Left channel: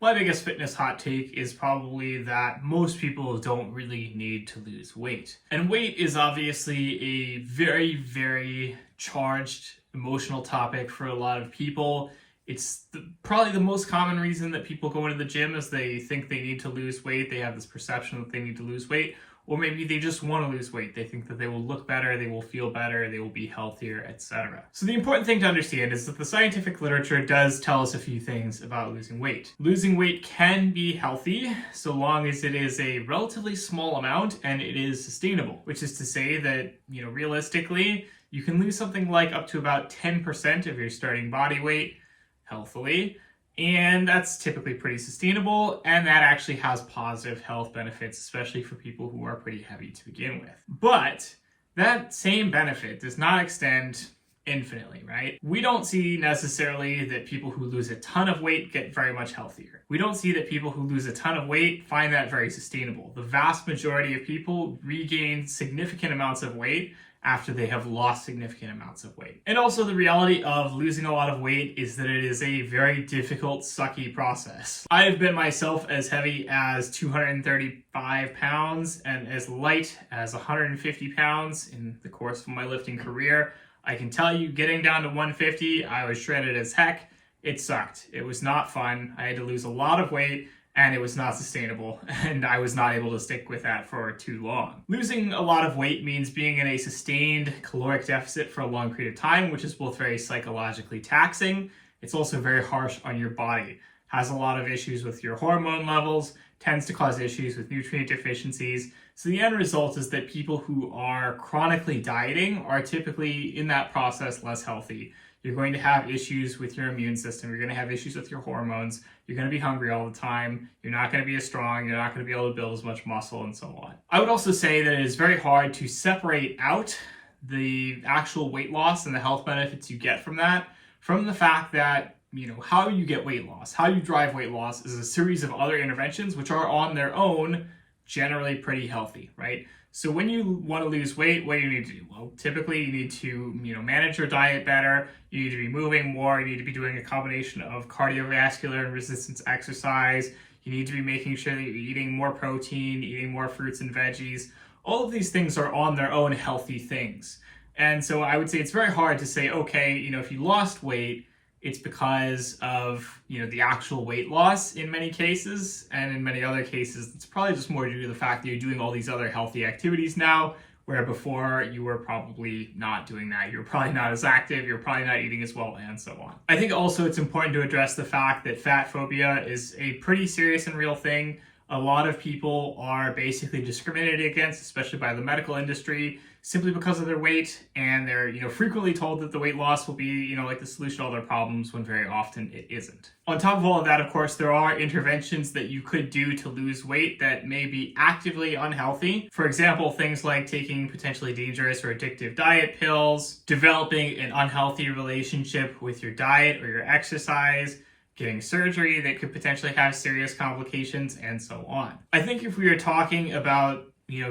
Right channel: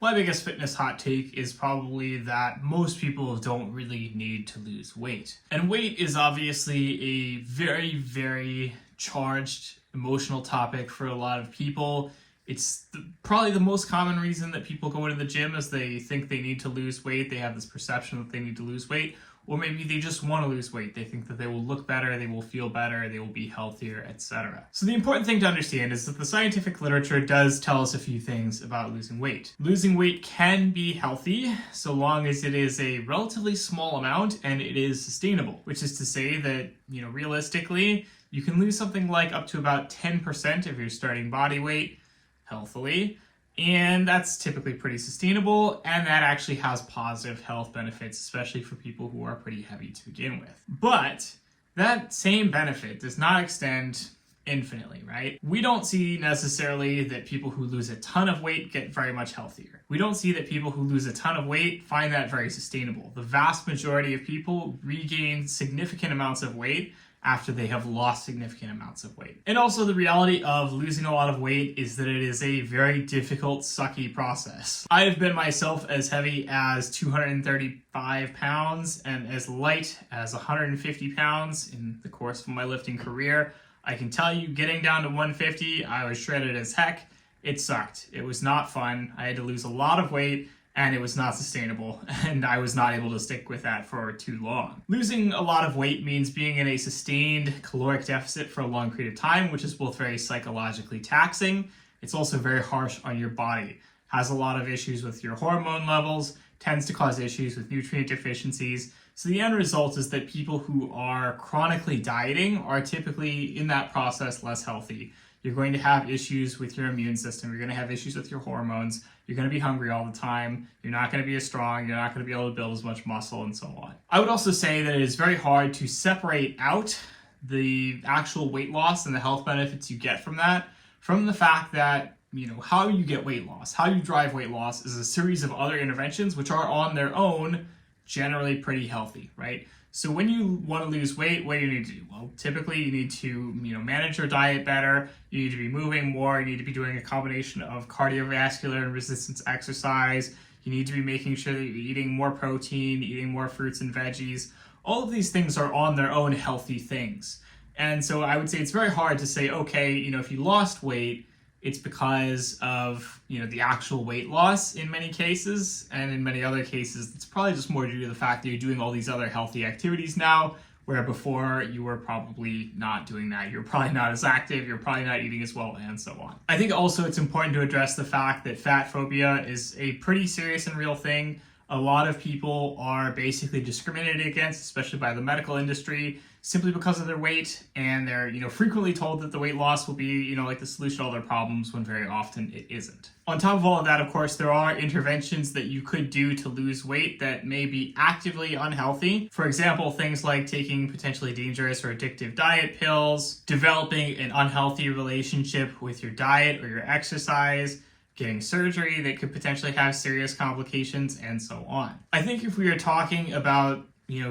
My biggest fitness hot take is probably that most people don't really need to lose weight. And weight is obviously a very, very charged emotional topic for a lot of people. It's probably the most common reason that people go into the gym is they think they need to lose weight. They have this perception that they need to lose weight. Or maybe they just want to lose weight. They think that they will look better, they will feel better, they will be healthier, etc. So the important thing to understand is that the scientific literature does tell us a few things about losing weight. Losing weight can be healthy so long as it is a relatively small amount and it is sustainable, which is to say that, realistically, you can lose something like up to about 10% of your starting body weight healthily. And that's typically pretty sustainable, and that actually has positive health benefits, especially for people who are pretty heavy to begin with. But that same benefit does not extend infinitely, right? We don't see necessarily that people who lose a ton of weight get very much healthier. We don't see that people who lose a ton of weight find that very sustainable. The vast majority of people regain significant amounts of weight after they have lost significant amounts of weight. And also the reality of losing a lot of weight is that it is a very difficult, sucky process. I have been myself as heavy as 235 pounds and as light as 150 pounds in the course of my lifting career. I can tell you, getting down to 150, I was shredded as heck. It sucked. It was not fun. I had to lose a lot of weight, and it was not sustainable, and I was not able to stick with that for too long. Losing a lot of weight means being in a sustained caloric deficit for a long period of time, which is both very psychologically taxing. It's also very harsh on your body. Has a lot of issues with your hormone levels, tends to cause issues with nutrient deficiencies. So the end result is that people who are chronically dieting are typically in that process less healthy. You're going to have issues with your immune system. You're going to have issues with your hormones. You're going to be hungry all the time. You're not going to be as strong. You're not going to be able to build as much muscle and so on. I would also say that it is very hard to separate out the actual weight loss and the health benefits you get from that from the fact that, how you get weight loss, how you drive weight loss is a series of other interventions which are on their own generally pretty healthy, right? So when you want to lose weight, what do you need to do? Well, typically you need to, manage your diet better. You need to be moving more. You need to be doing a combination of cardiovascular and resistance exercise. You need to be making sure that you're eating more protein, eating more fruits and veggies. All of these things are on their own healthy things. And so I would say it's very hard to say, okay, if you lost weight, it's because of, the actual weight loss in many cases, and in many other cases, it's probably just more due to the fact that you're doing all these other healthy activities now, where before you were probably not doing that. You're probably not as active, you're probably not eating as well, and so on. I think also it's important to address the fact that fat phobia is a pretty serious and real thing. A lot of people are basically discriminated against, especially by the medical industry, simply because of their weight, and they're frequently told that the weight loss will be like the solution to all their problems, when very often it isn't. On top of all of that, of course, there are interventions that you could do to lose weight that may be actively unhealthy. For example, things like taking potentially dangerous or addictive diet pills, developing an unhealthy relationship with your diet or your exercise, getting surgery that could potentially have serious complications, and so on. I think if we are talking about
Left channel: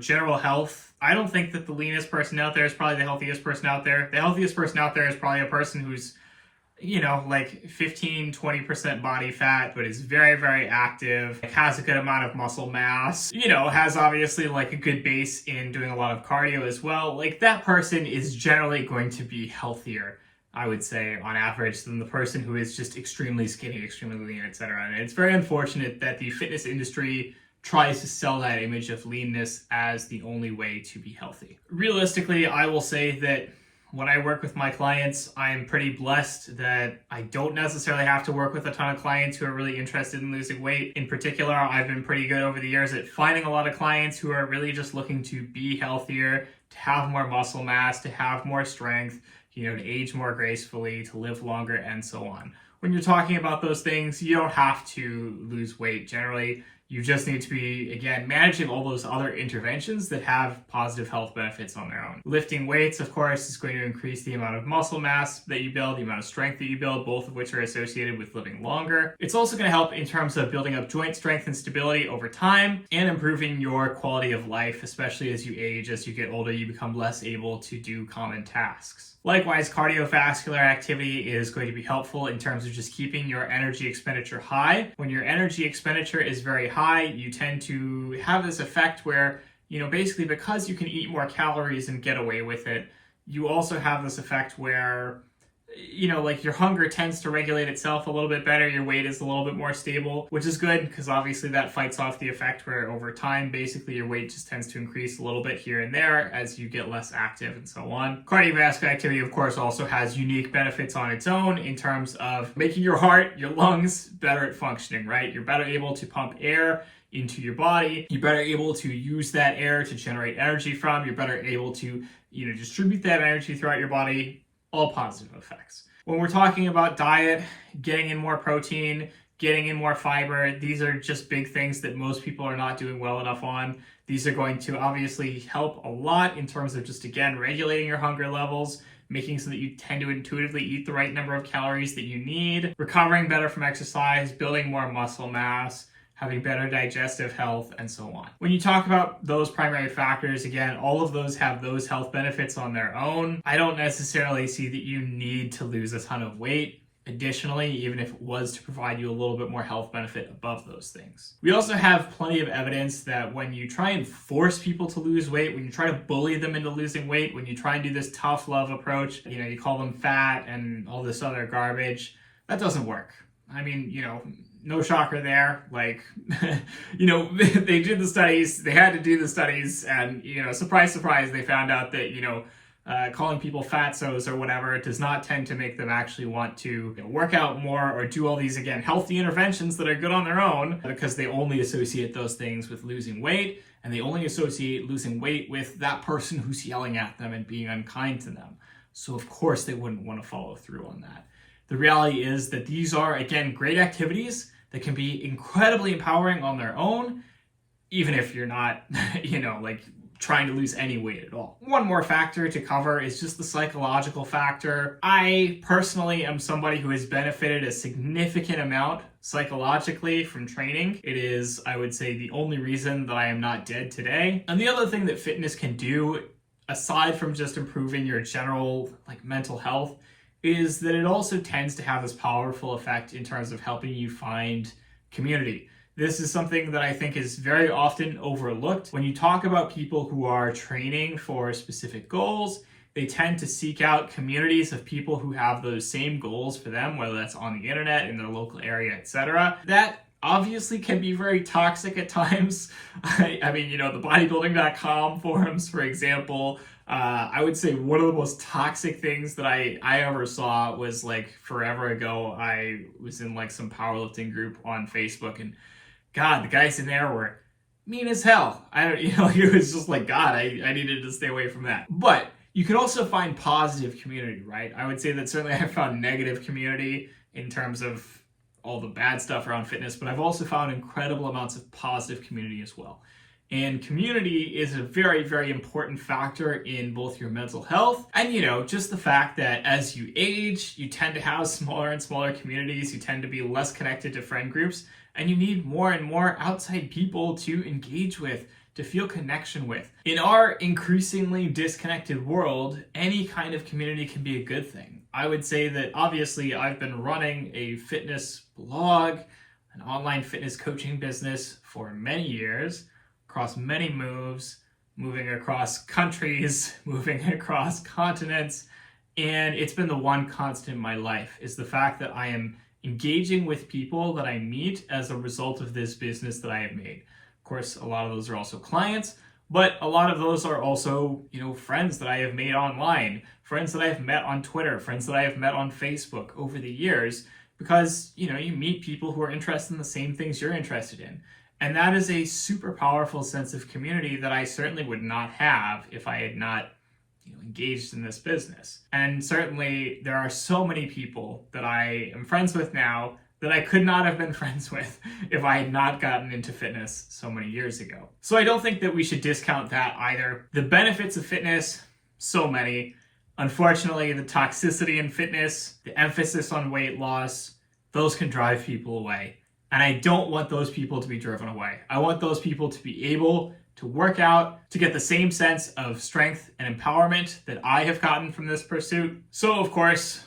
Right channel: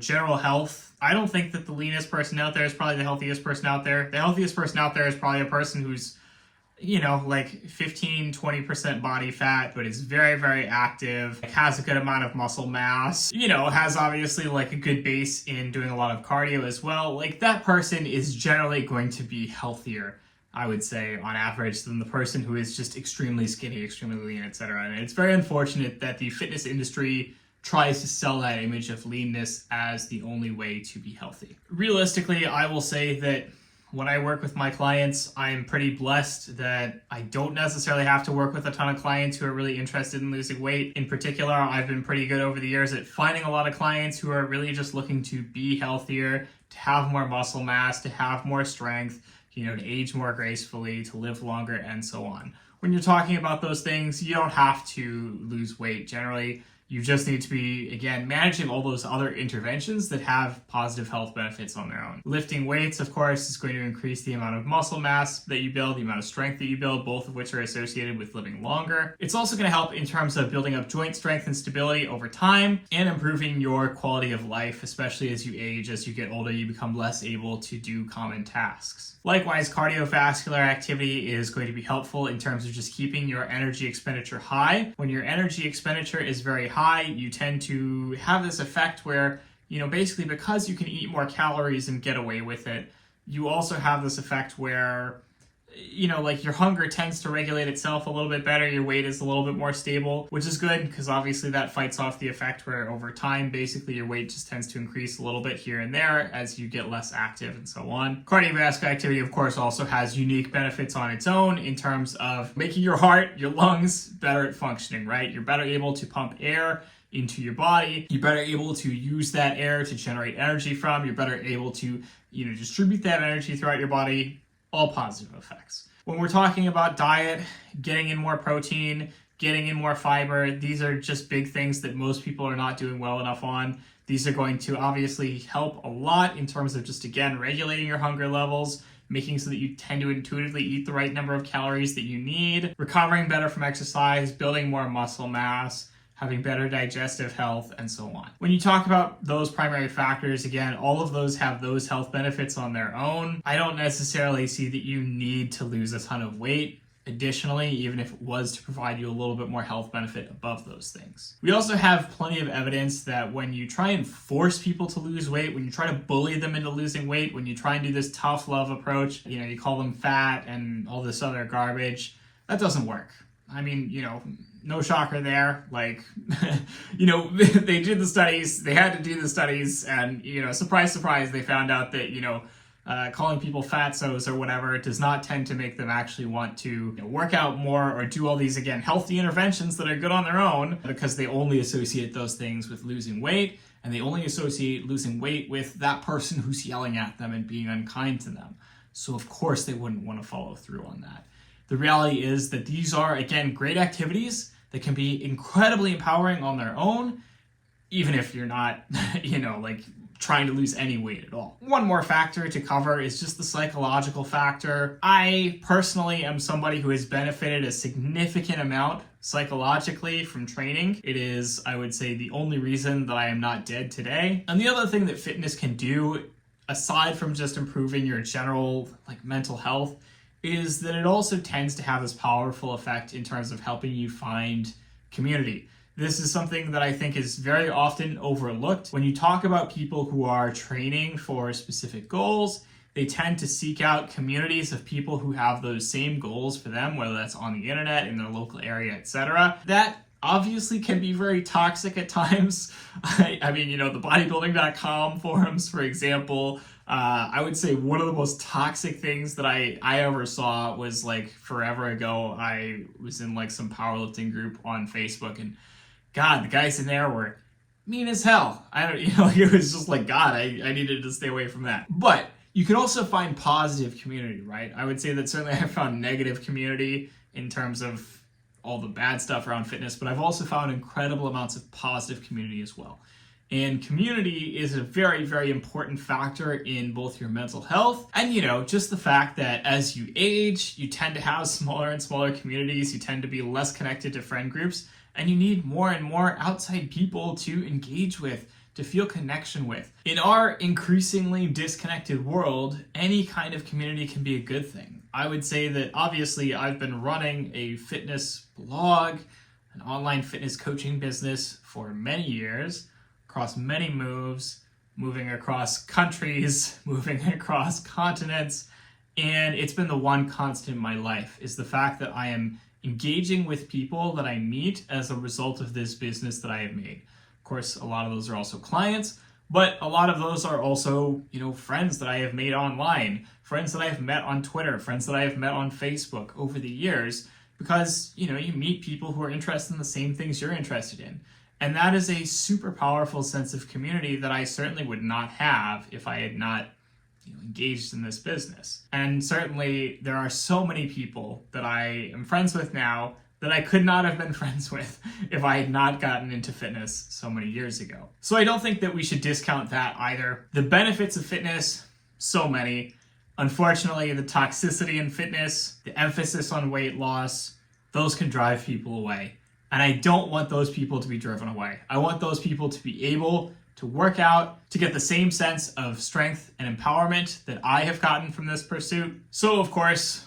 general health, I don't think that the leanest person out there is probably the healthiest person out there. The healthiest person out there is probably a person who's, like 15, 20% body fat, but is very, very active, has a good amount of muscle mass, has obviously like a good base in doing a lot of cardio as well. Like that person is generally going to be healthier, I would say, on average, than the person who is just extremely skinny, extremely lean, etc. And it's very unfortunate that the fitness industry tries to sell that image of leanness as the only way to be healthy. Realistically, I will say that when I work with my clients, I'm pretty blessed that I don't necessarily have to work with a ton of clients who are really interested in losing weight. In particular, I've been pretty good over the years at finding a lot of clients who are really just looking to be healthier, to have more muscle mass, to have more strength, to age more gracefully, to live longer, and so on. When you're talking about those things, you don't have to lose weight. Generally, you just need to be, again, managing all those other interventions that have positive health benefits on their own. Lifting weights, of course, is going to increase the amount of muscle mass that you build, the amount of strength that you build, both of which are associated with living longer. It's also going to help in terms of building up joint strength and stability over time and improving your quality of life, especially as you age. As you get older, you become less able to do common tasks. Likewise, cardiovascular activity is going to be helpful in terms of just keeping your energy expenditure high. When your energy expenditure is very high, you tend to have this effect where, basically because you can eat more calories and get away with it, you also have this effect where, like your hunger tends to regulate itself a little bit better, your weight is a little bit more stable, which is good because obviously that fights off the effect where over time, basically your weight just tends to increase a little bit here and there as you get less active and so on. Cardiovascular activity, of course, also has unique benefits on its own in terms of making your heart, your lungs better at functioning, right? You're better able to pump air into your body. You're better able to use that air to generate energy from. You're better able to, distribute that energy throughout your body. All positive effects. When we're talking about diet, getting in more protein, getting in more fiber, these are just big things that most people are not doing well enough on. These are going to obviously help a lot in terms of just, again, regulating your hunger levels, making so that you tend to intuitively eat the right number of calories that you need, recovering better from exercise, building more muscle mass, having better digestive health, and so on. When you talk about those primary factors, again, all of those have those health benefits on their own. I don't necessarily see that you need to lose a ton of weight. Additionally, even if it was to provide you a little bit more health benefit above those things. We also have plenty of evidence that when you try and force people to lose weight, when you try to bully them into losing weight, when you try and do this tough love approach, you call them fat and all this other garbage, that doesn't work. I mean, no shocker there. Like, they did the studies, they had to do the studies, and, surprise, surprise, they found out that, calling people fatzos or whatever does not tend to make them actually want to work out more or do all these, again, healthy interventions that are good on their own, because they only associate those things with losing weight, and they only associate losing weight with that person who's yelling at them and being unkind to them. So, of course, they wouldn't want to follow through on that. The reality is that these are, again, great activities that can be incredibly empowering on their own, even if you're not, trying to lose any weight at all. One more factor to cover is just the psychological factor. I personally am somebody who has benefited a significant amount psychologically from training. It is, I would say, the only reason that I am not dead today. And the other thing that fitness can do, aside from just improving your general mental health, is that it also tends to have this powerful effect in terms of helping you find community. This is something that I think is very often overlooked. When you talk about people who are training for specific goals, they tend to seek out communities of people who have those same goals for them, whether that's on the internet, in their local area, etc. That obviously can be very toxic at times. I mean, the bodybuilding.com forums, for example, I would say one of the most toxic things that I ever saw was forever ago. I was in some powerlifting group on Facebook, and God, the guys in there were mean as hell. It was just God, I needed to stay away from that. But you can also find positive community, right? I would say that certainly I found negative community in terms of all the bad stuff around fitness, but I've also found incredible amounts of positive community as well. And community is a very, very important factor in both your mental health and, just the fact that as you age, you tend to have smaller and smaller communities. You tend to be less connected to friend groups, and you need more and more outside people to engage with, to feel connection with. In our increasingly disconnected world, any kind of community can be a good thing. I would say that obviously I've been running a fitness blog, an online fitness coaching business for many years, across many moves, moving across countries, moving across continents, and it's been the one constant in my life is the fact that I am engaging with people that I meet as a result of this business that I have made. Of course, a lot of those are also clients, but a lot of those are also, friends that I have made online, friends that I have met on Twitter, friends that I have met on Facebook over the years, because, you meet people who are interested in the same things you're interested in. And that is a super powerful sense of community that I certainly would not have if I had not engaged in this business. And certainly there are so many people that I am friends with now that I could not have been friends with if I had not gotten into fitness so many years ago. So I don't think that we should discount that either. The benefits of fitness, so many. Unfortunately, the toxicity in fitness, the emphasis on weight loss, those can drive people away. And I don't want those people to be driven away. I want those people to be able to work out, to get the same sense of strength and empowerment that I have gotten from this pursuit. So of course,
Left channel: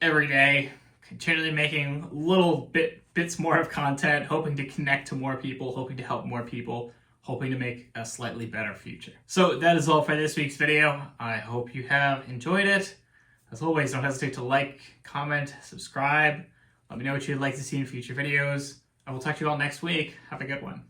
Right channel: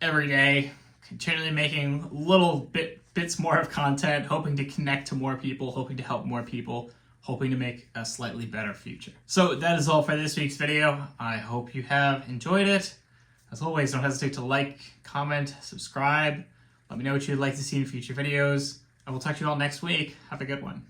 every day, continually making little bits more of content, hoping to connect to more people, hoping to help more people, hoping to make a slightly better future. So that is all for this week's video. I hope you have enjoyed it. As always, don't hesitate to like, comment, subscribe. Let me know what you'd like to see in future videos. I will talk to you all next week. Have a good one.